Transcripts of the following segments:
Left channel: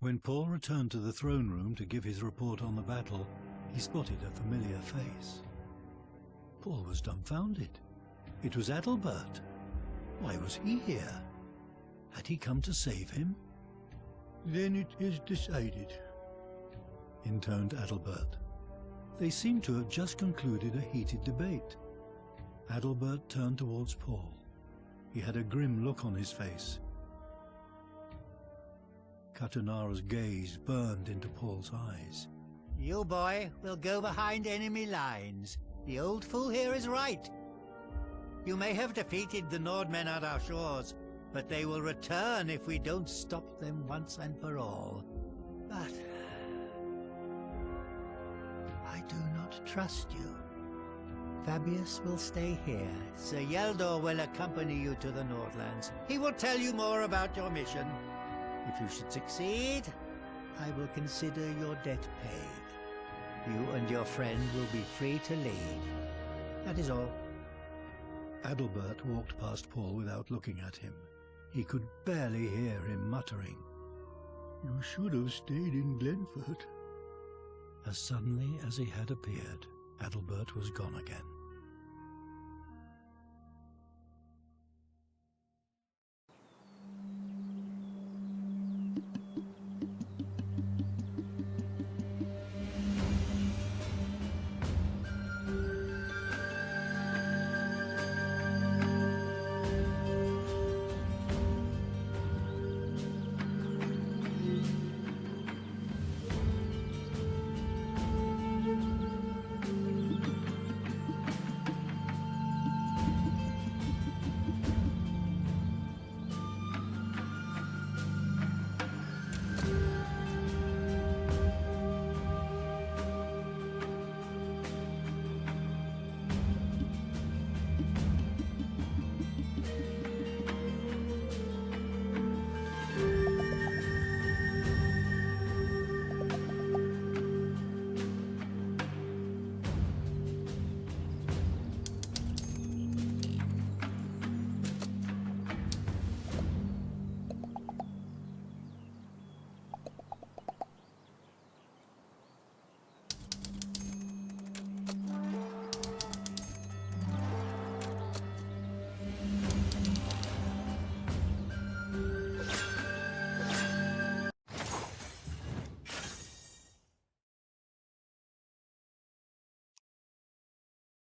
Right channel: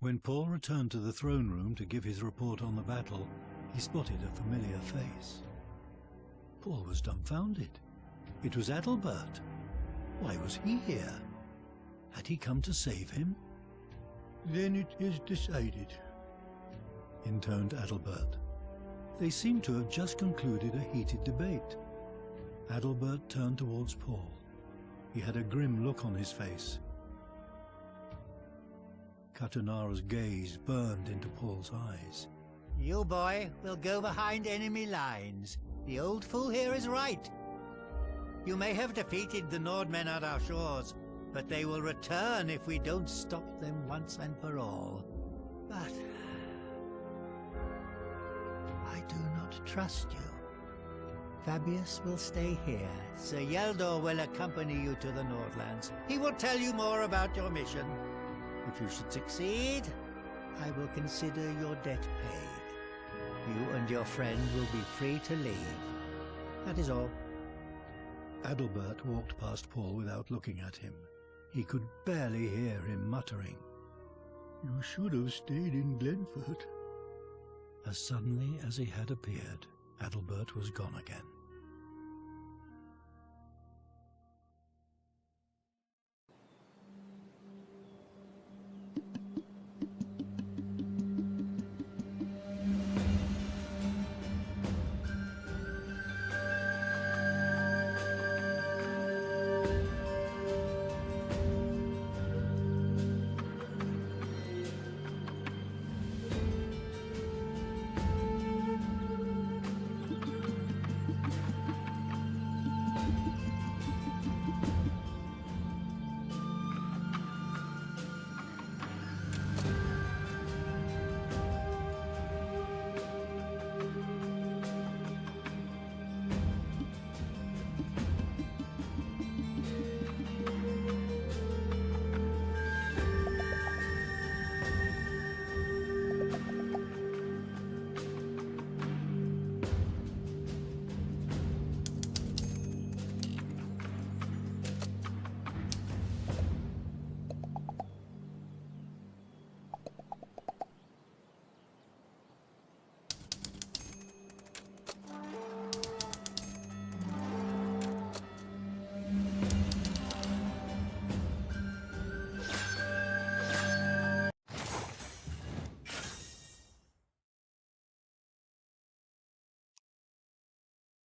When Paul returned to the throne room to give his report on the battle, he spotted a familiar face. Paul was dumbfounded. It was Adalbert. Why was he here? Had he come to save him? Then it is decided, intoned Adalbert. They seemed to have just concluded a heated debate. Adalbert turned towards Paul. He had a grim look on his face. Katanara's gaze burned into Paul's eyes. You, boy, will go behind enemy lines. The old fool here is right. You may have defeated the Nordmen at our shores, but they will return if we don't stop them once and for all. But I do not trust you. Fabius will stay here. Sir Yeldor will accompany you to the Nordlands. He will tell you more about your mission. If you should succeed, I will consider your debt paid. You and your friend will be free to leave. That is all. Adalbert walked past Paul without looking at him. He could barely hear him muttering. You should have stayed in Glenford. As suddenly as he had appeared, Adalbert was gone again.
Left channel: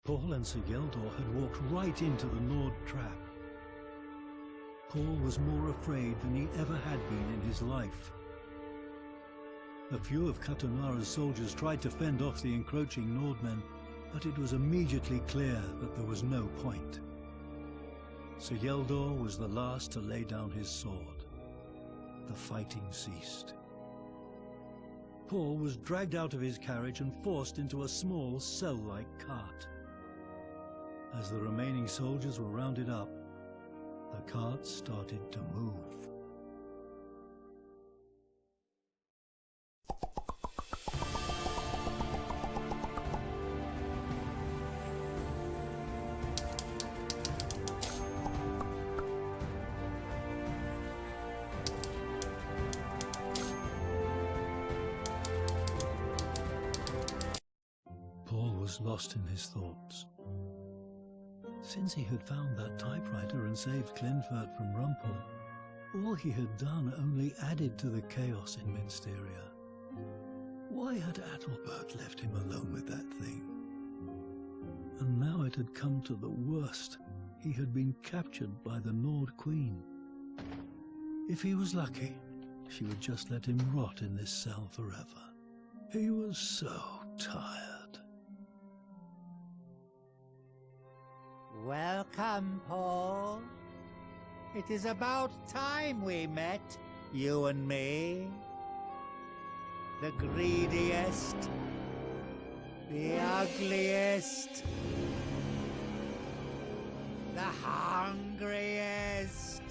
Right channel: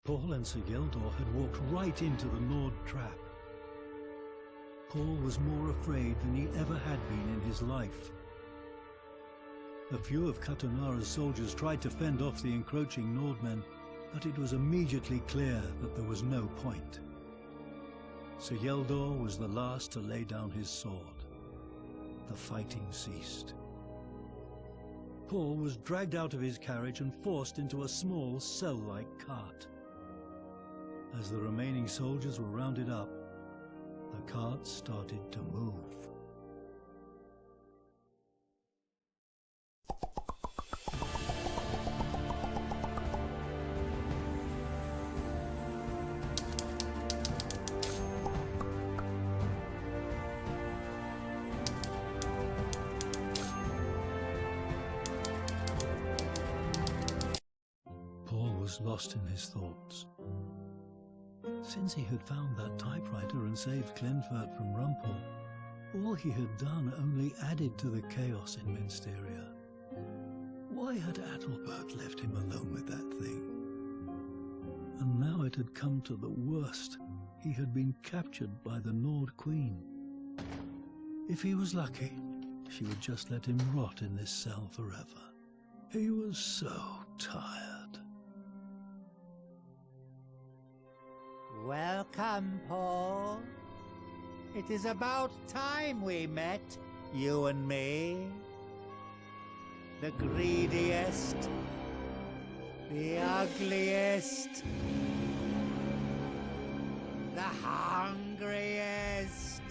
Paul and Sir Yeldor had walked right into the Nord trap. Paul was more afraid than he ever had been in his life. A few of Katanara's soldiers tried to fend off the encroaching Nordmen, but it was immediately clear that there was no point. Sir Yeldor was the last to lay down his sword. The fighting ceased. Paul was dragged out of his carriage and forced into a small cell-like cart. As the remaining soldiers were rounded up, the cart started to move. Paul was lost in his thoughts. Since he had found that typewriter and saved Glenfert from Rumpel, all he had done only added to the chaos in Minsteria. Why had Adalbert left him alone with that thing? And now it had come to the worst. He had been captured by the Nord Queen. If he was lucky, she would just let him rot in this cell forever. He was so tired. Welcome, Paul. It is about time we met, you and me. The greediest, the ugliest, the hungriest.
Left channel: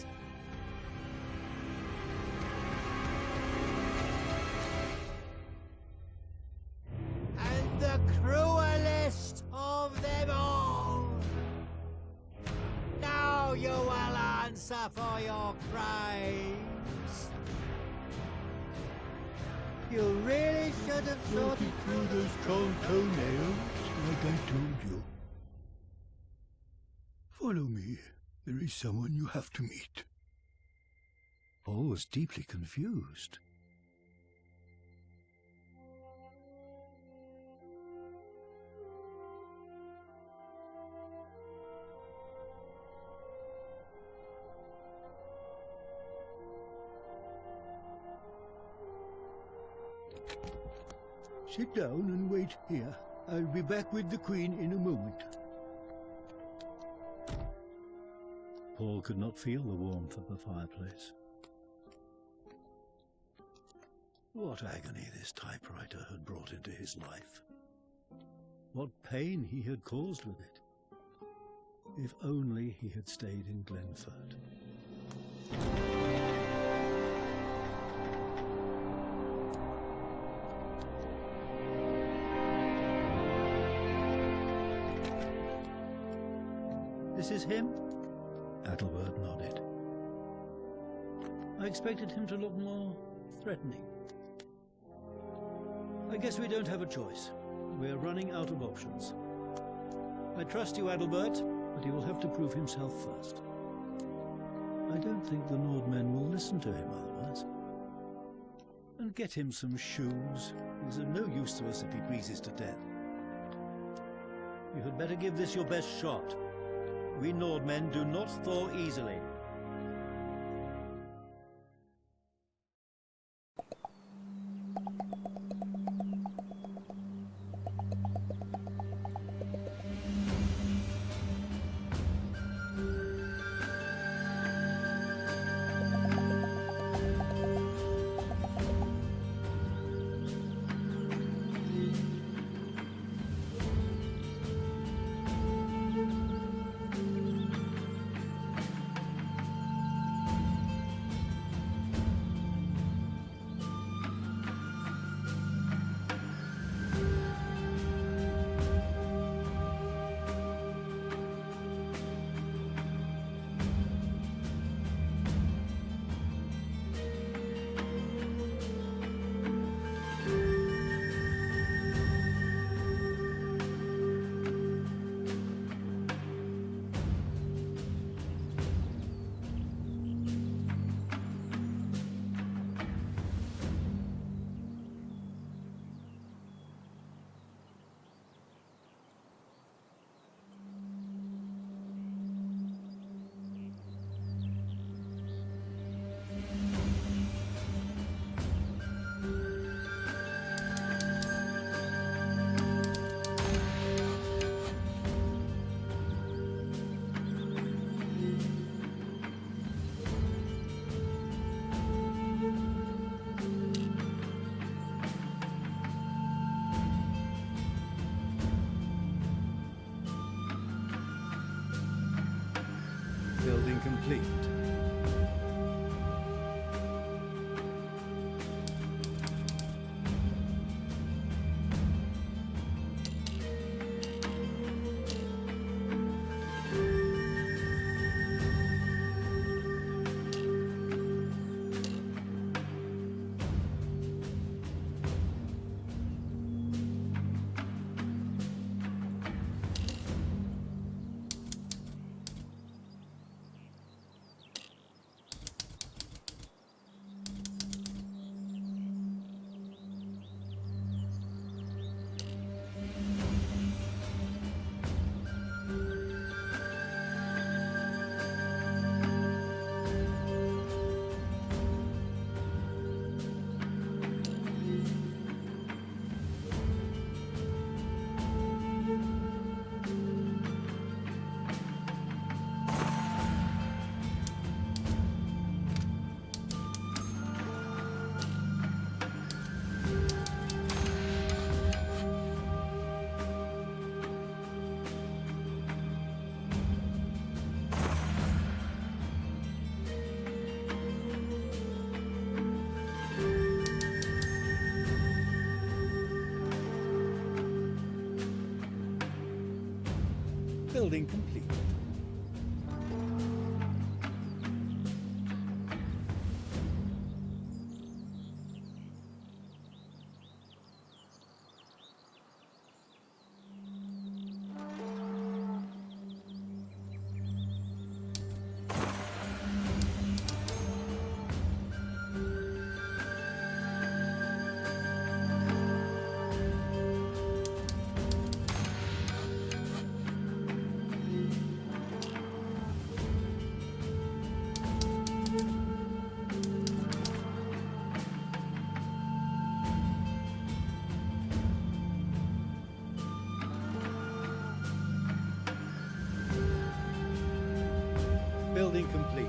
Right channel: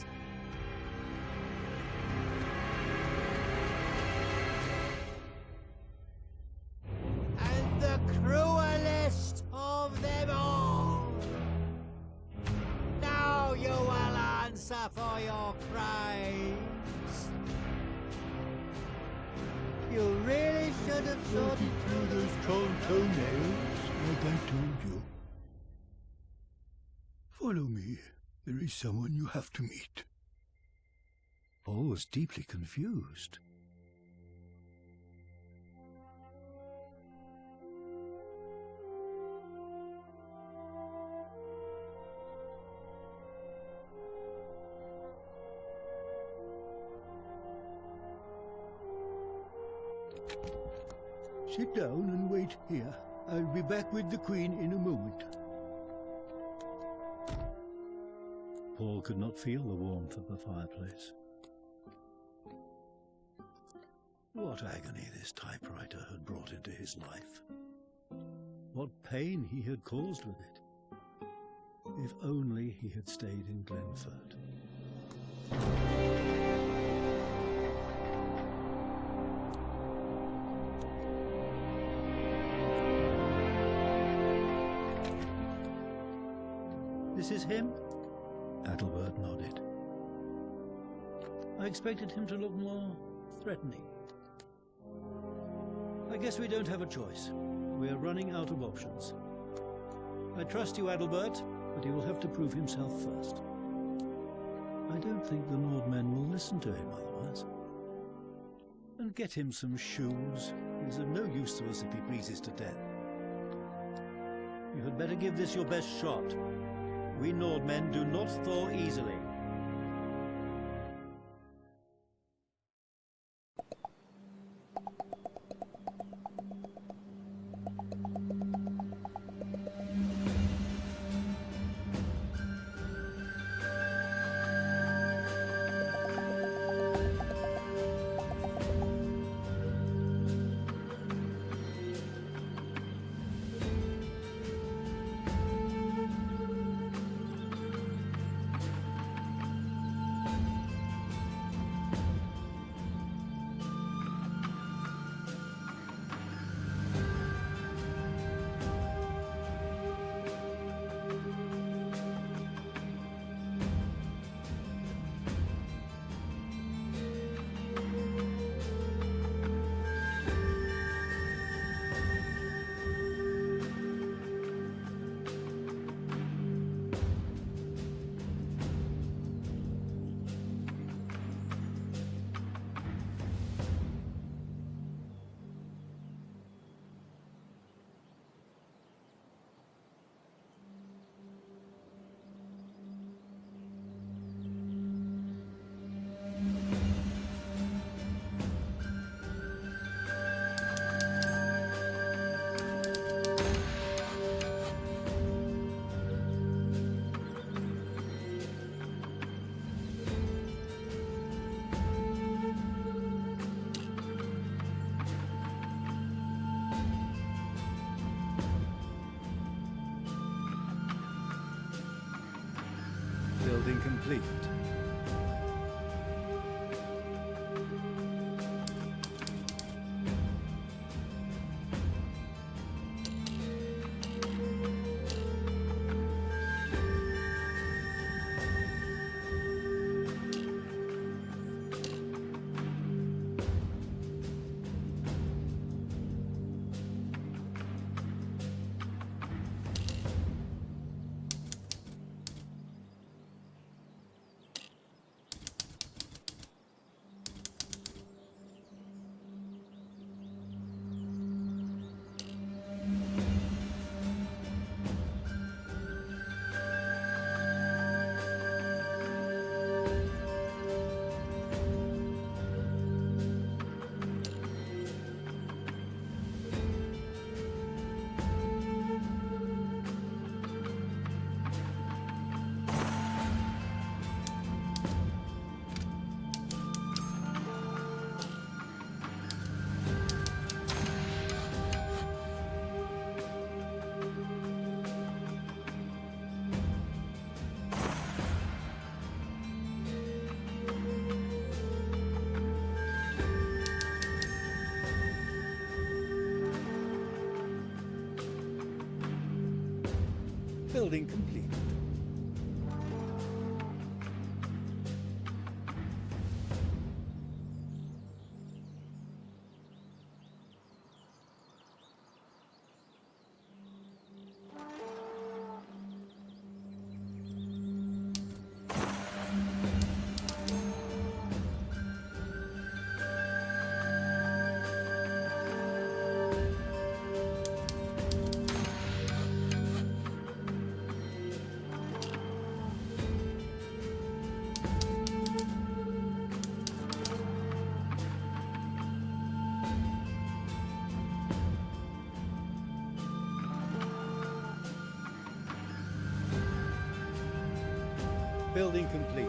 And the cruelest of them all. Now you will answer for your crimes. You really should have sorted through those troll toenails, like I told you. Follow me. There is someone you have to meet. Paul was deeply confused. Sit down and wait here. I'll be back with the Queen in a moment. Paul could not feel the warmth of the fireplace. What agony this typewriter had brought into his life. What pain he had caused with it. If only he had stayed in Glenford. This is him? Adalbert nodded. I expected him to look more threatening. I guess we don't have a choice. We're running out of options. I trust you, Adalbert, but he will have to prove himself first. I don't think the Nordmen will listen to him otherwise. And get him some shoes. He's of no use to us if he freezes to death. You had better give this your best shot. We Nordmen do not thaw easily. Building complete. Building complete. Building complete.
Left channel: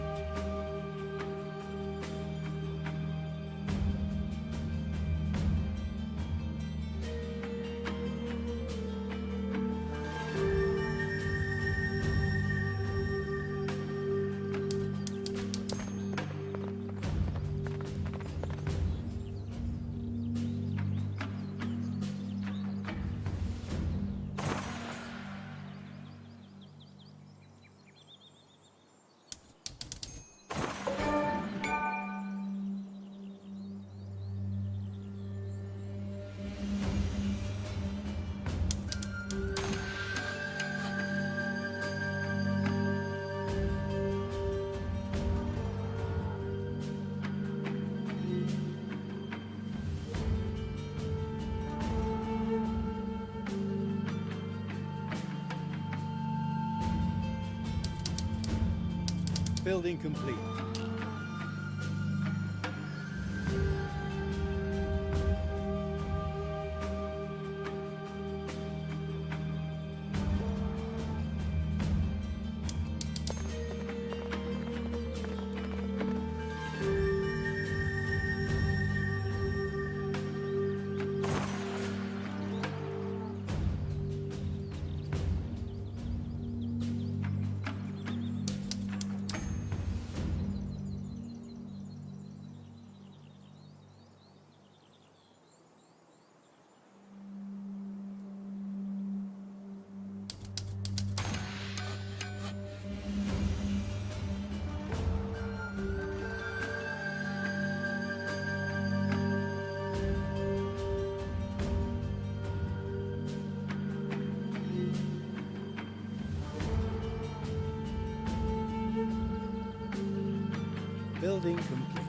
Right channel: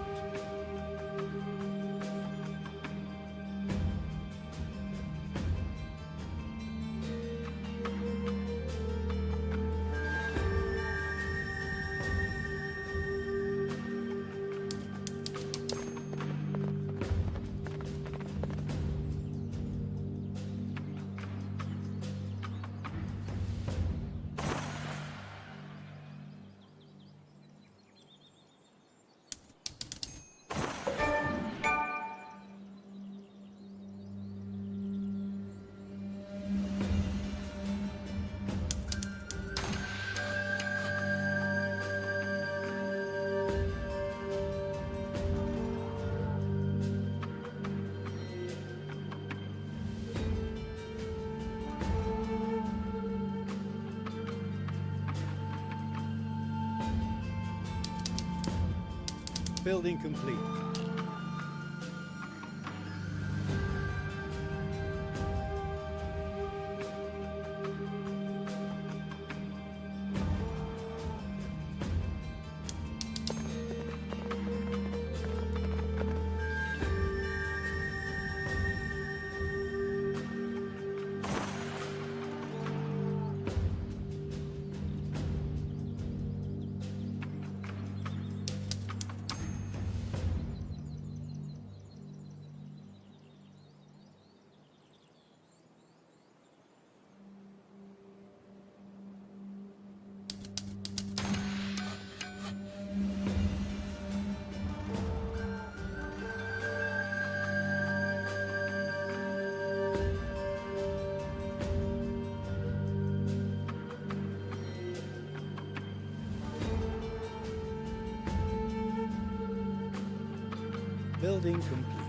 Building complete. Building complete.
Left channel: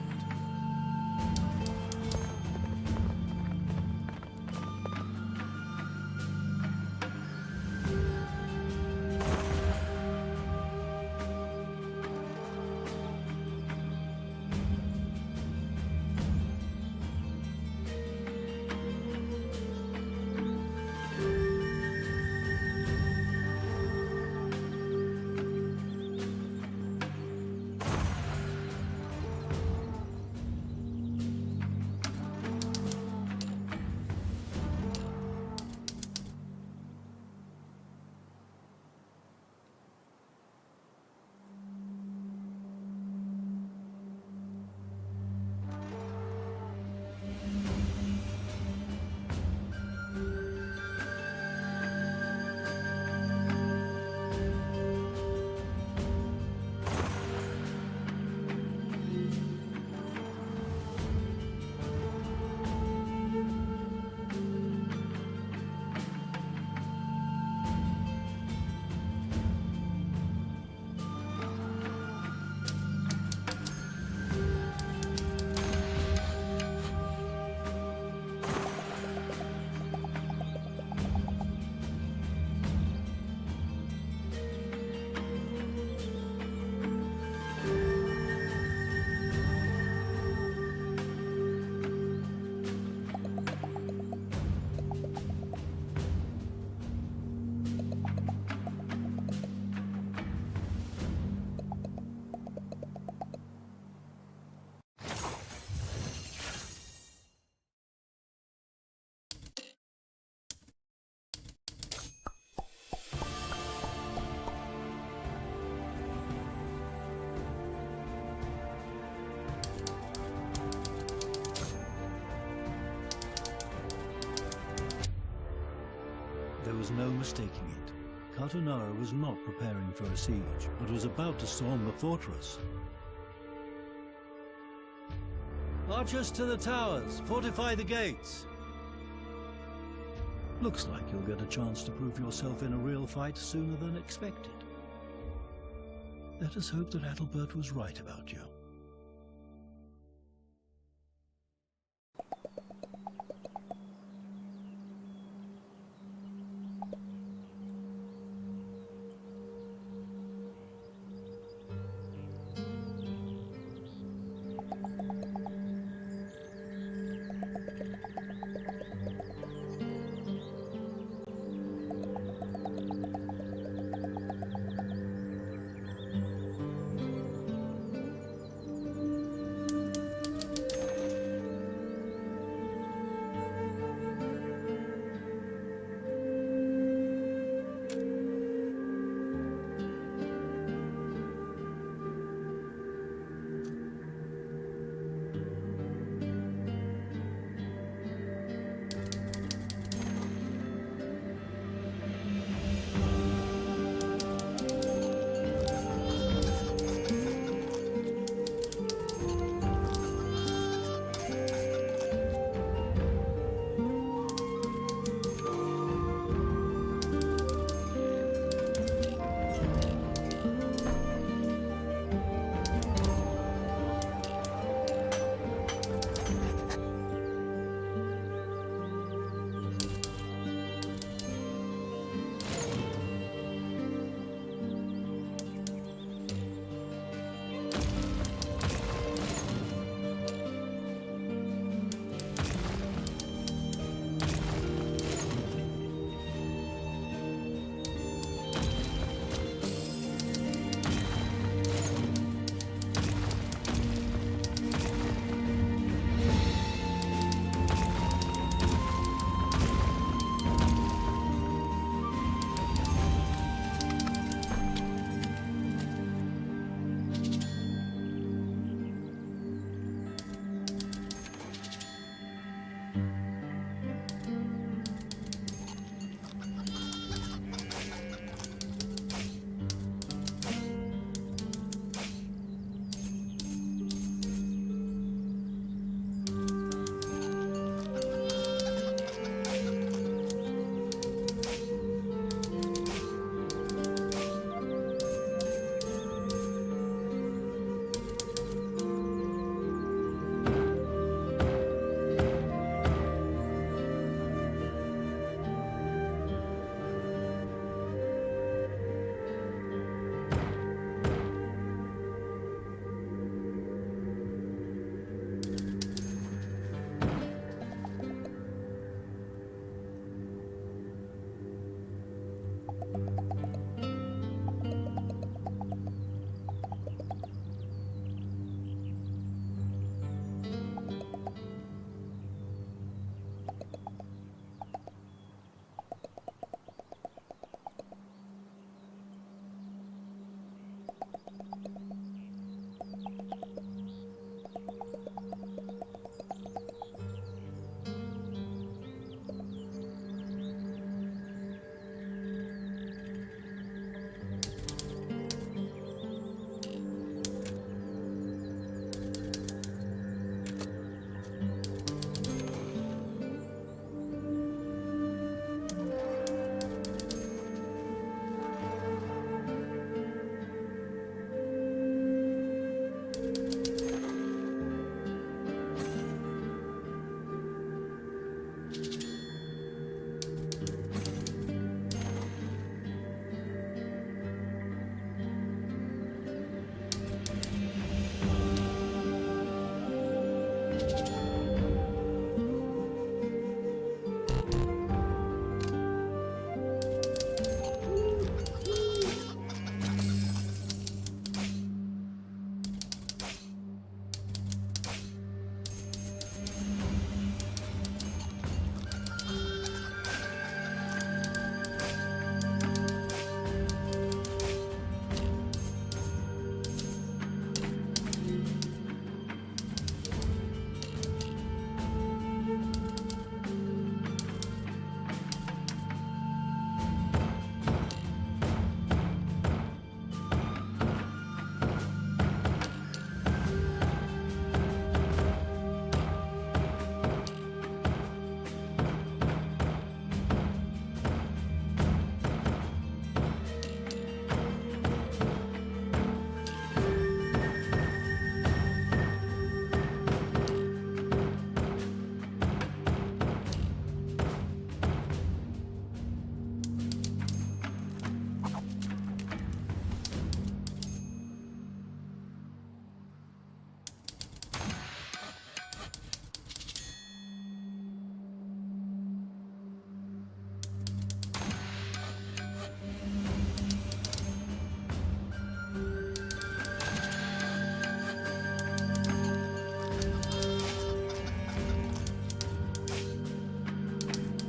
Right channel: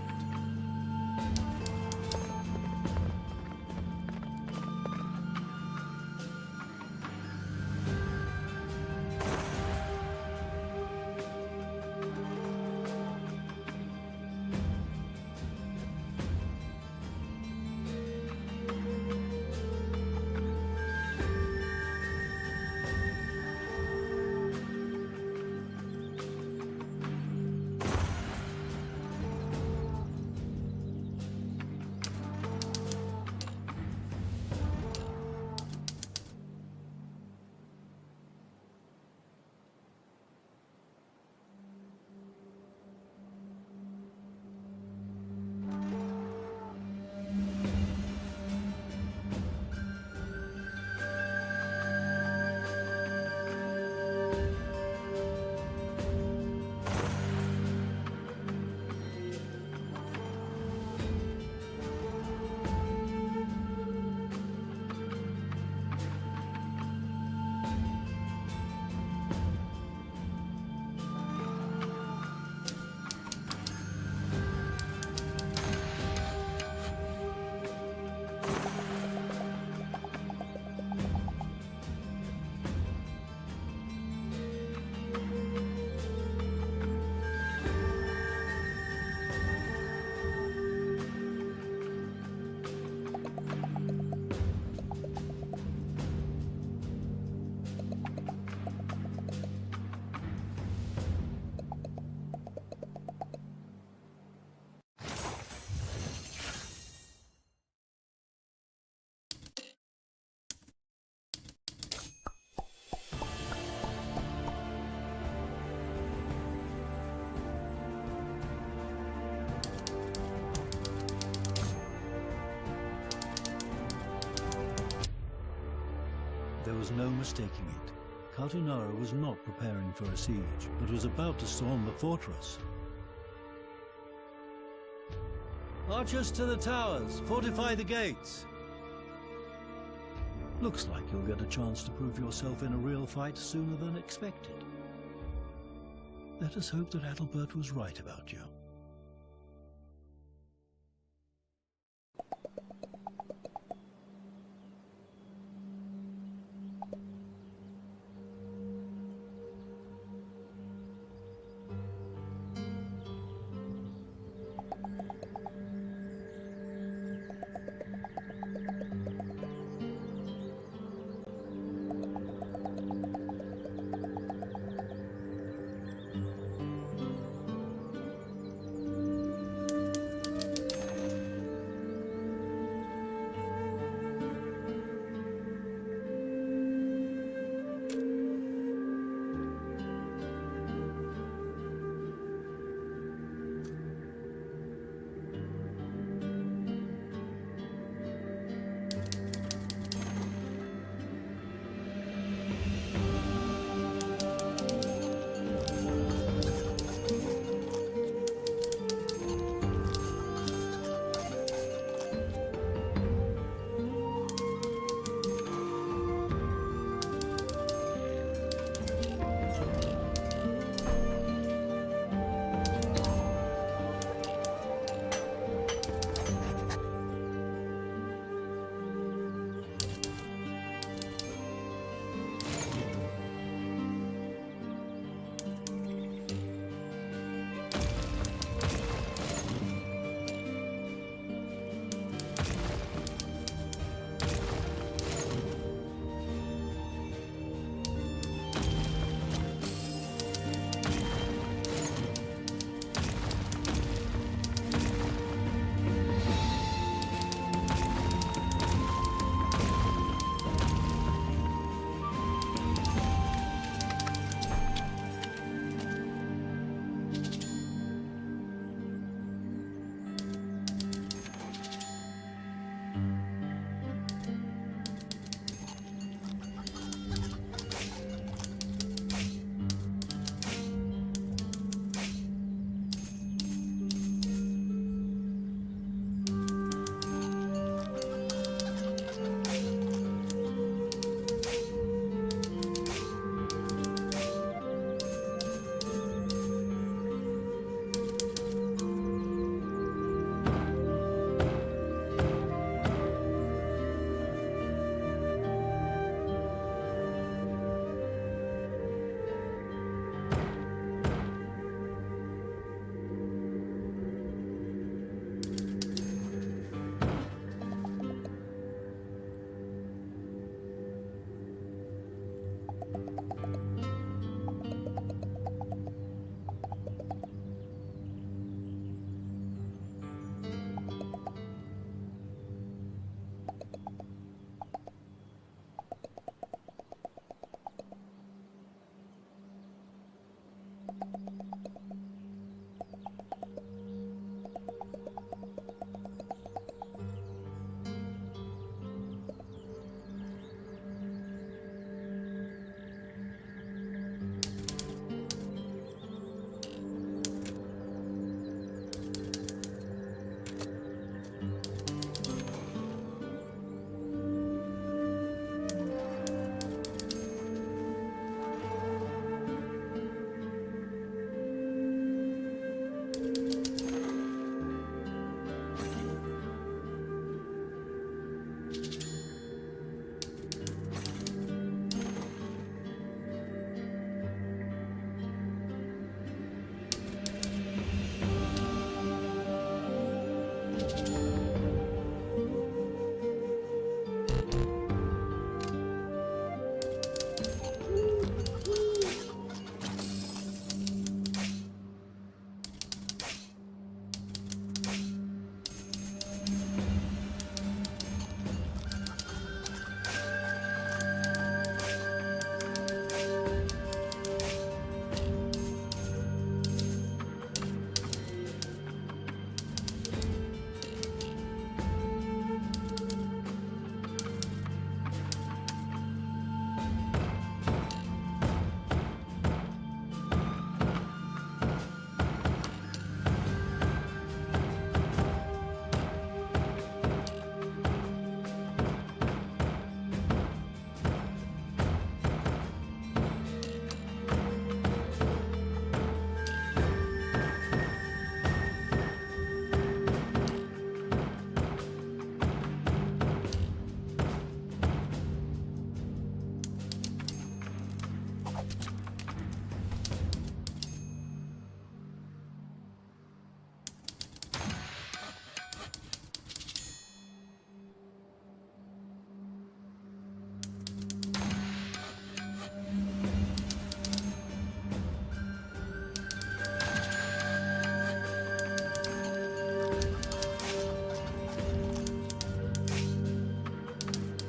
There was no mistaking it. Carbonara was not preparing for a siege, but was about to storm the fortress. Archers to the towers! Fortify the gates! Looks like you'll get a chance to prove yourself in a real fight sooner than expected. Let us hope that Adalbert was right about you.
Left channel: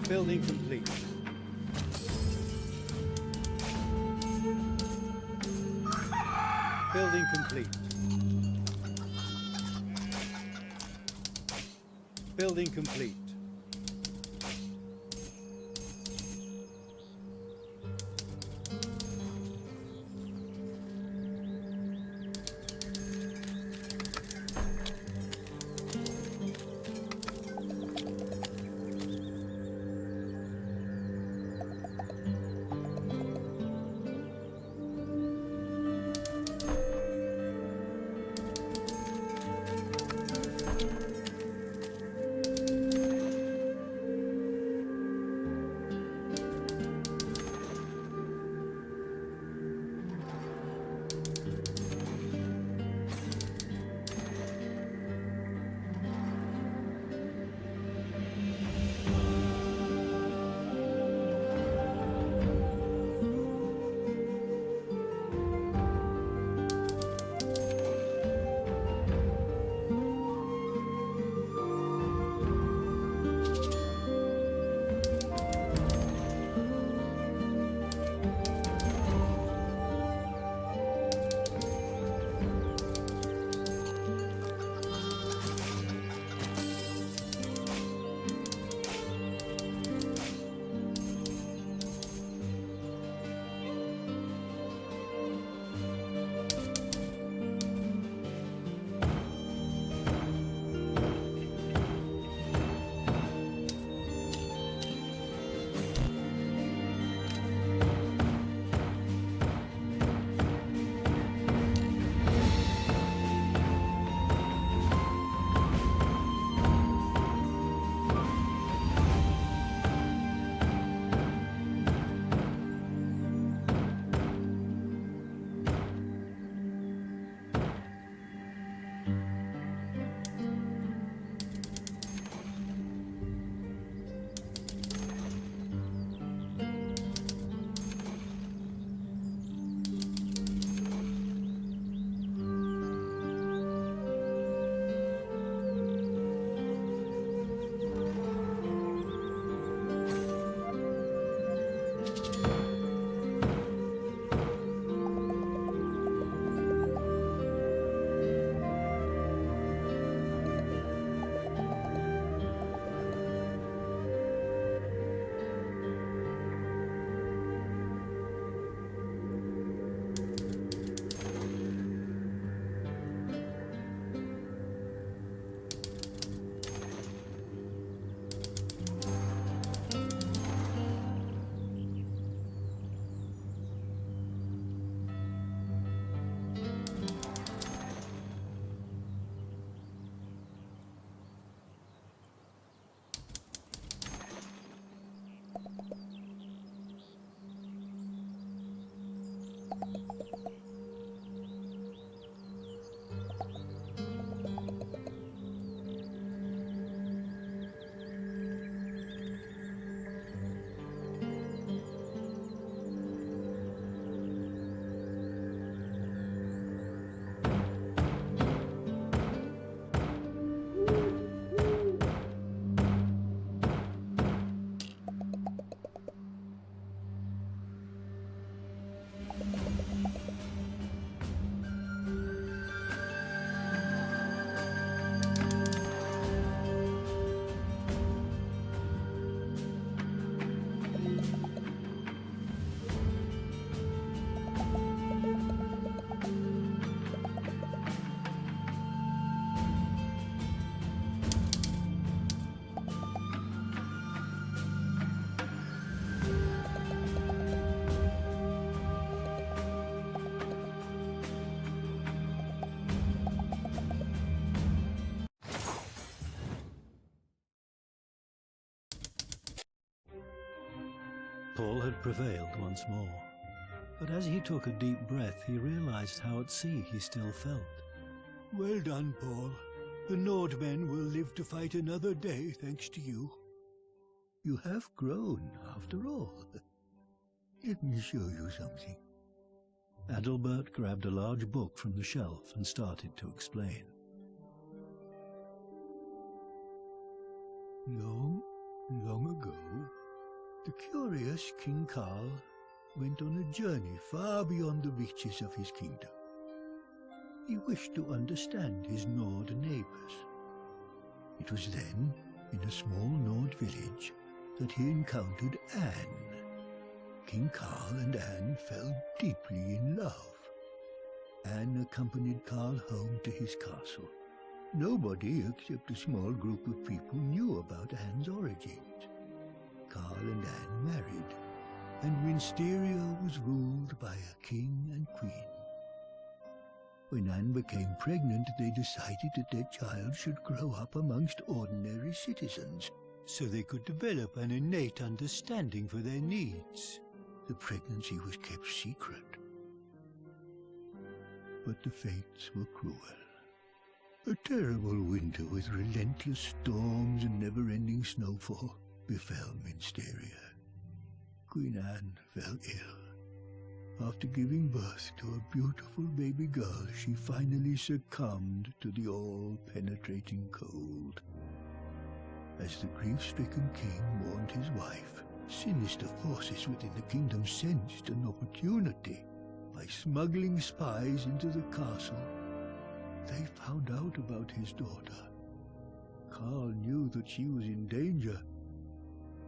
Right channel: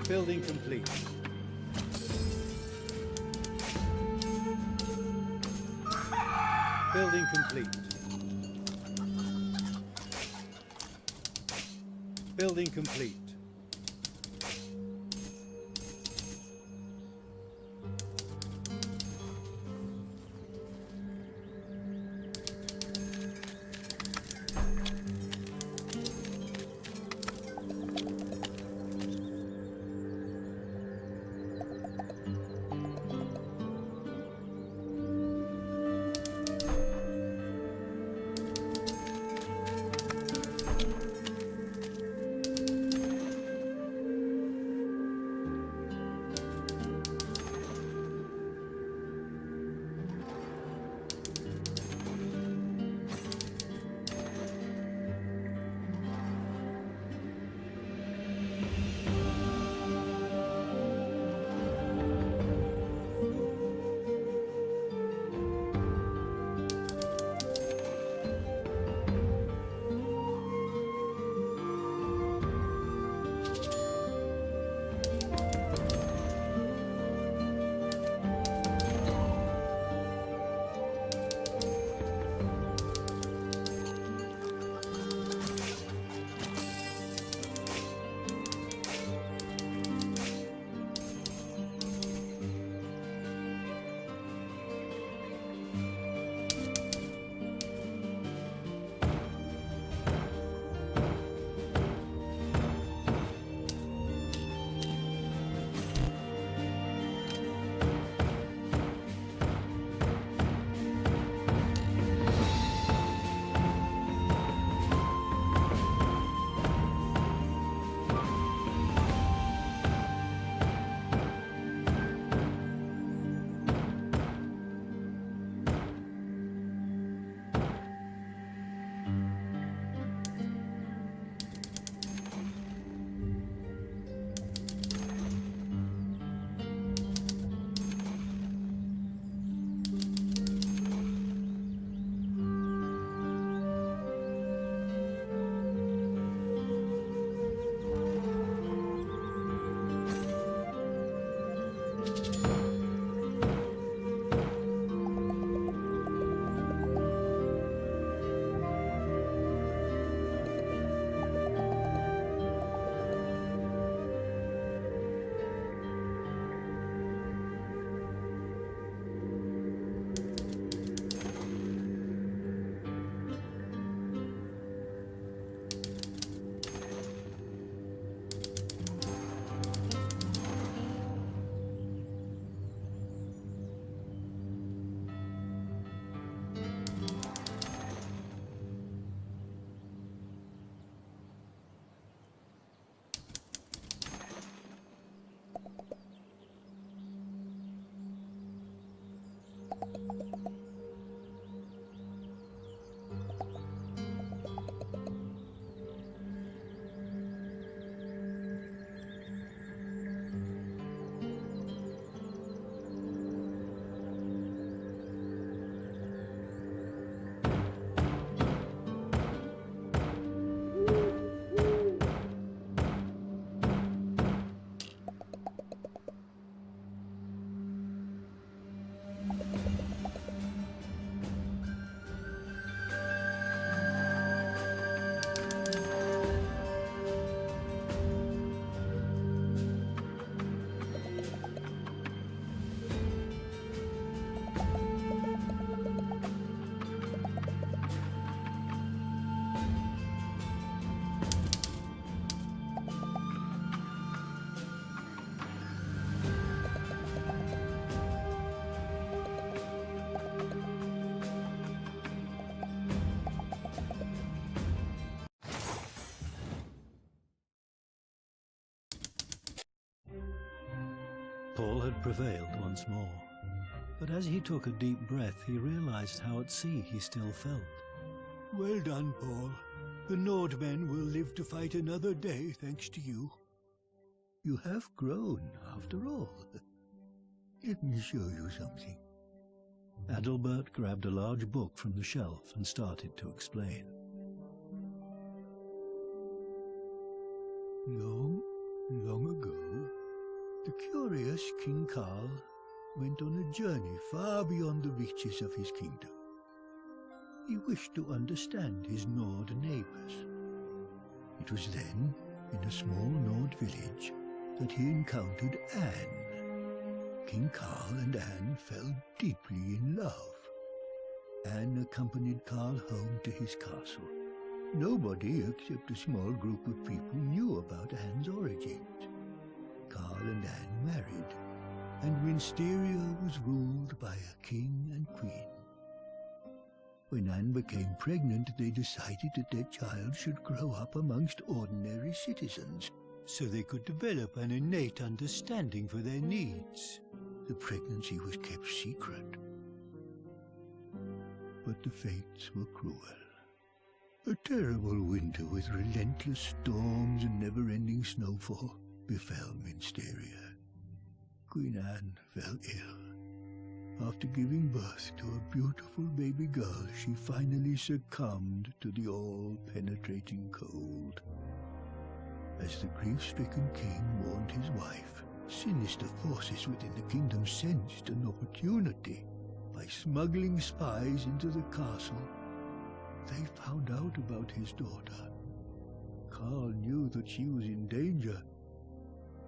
Building complete. Building complete. Building complete. Paul had prevailed once more, but as he took a deep breath, he realized how at sea he still felt. Well done, Paul. The Nordmen will live to fight another day, thanks to you. You have grown, after all. Let me show you something. Adalbert grabbed a large book from the shelf and started to explain. Long, long ago, the curious King Karl went on a journey far beyond the reaches of his kingdom. He wished to understand his Nord neighbors. It was then, in a small Nord village, that he encountered Anne. King Karl and Anne fell deeply in love. Anne accompanied Karl home to his castle. Nobody except a small group of people knew about Anne's origins. Karl and Anne married, and Winsteria was ruled by a king and queen. When Anne became pregnant, they decided that their child should grow up amongst ordinary citizens, so they could develop an innate understanding for their needs. The pregnancy was kept secret. But the fates were cruel. A terrible winter with relentless storms and never-ending snowfall befell Winsteria. Queen Anne fell ill. After giving birth to a beautiful baby girl, she finally succumbed to the all-penetrating cold. As the grief-stricken king mourned his wife, sinister forces within the kingdom sensed an opportunity. By smuggling spies into the castle, they found out about his daughter. Karl knew that she was in danger.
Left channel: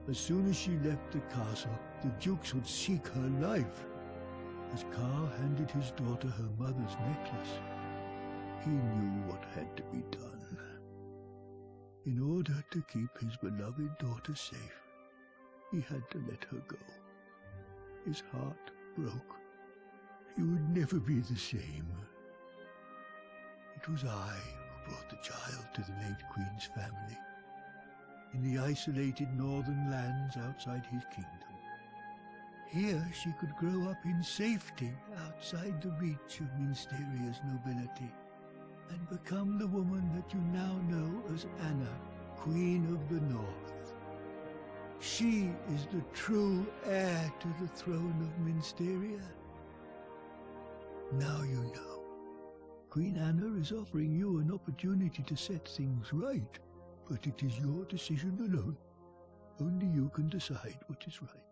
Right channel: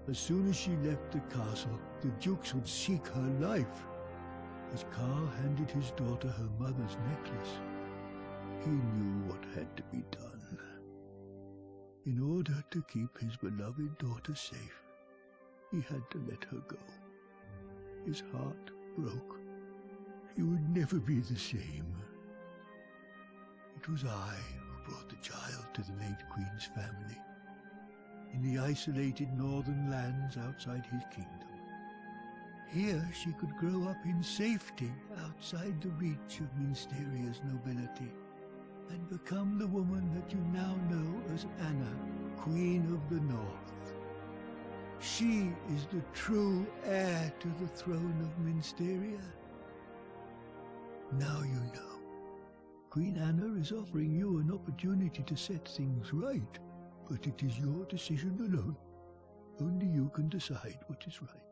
As soon as she left the castle, the dukes would seek her life. As Karl handed his daughter her mother's necklace, he knew what had to be done. In order to keep his beloved daughter safe, he had to let her go. His heart broke. He would never be the same. It was I who brought the child to the late queen's family, in the isolated northern lands outside his kingdom. Here she could grow up in safety outside the reach of Winsteria's nobility, and become the woman that you now know as Anna, Queen of the North. She is the true heir to the throne of Winsteria. Now you know. Queen Anna is offering you an opportunity to set things right, but it is your decision alone. Only you can decide what is right.